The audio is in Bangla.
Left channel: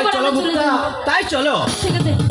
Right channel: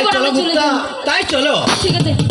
তাই চলো তাই চলো। ঠিক আছে।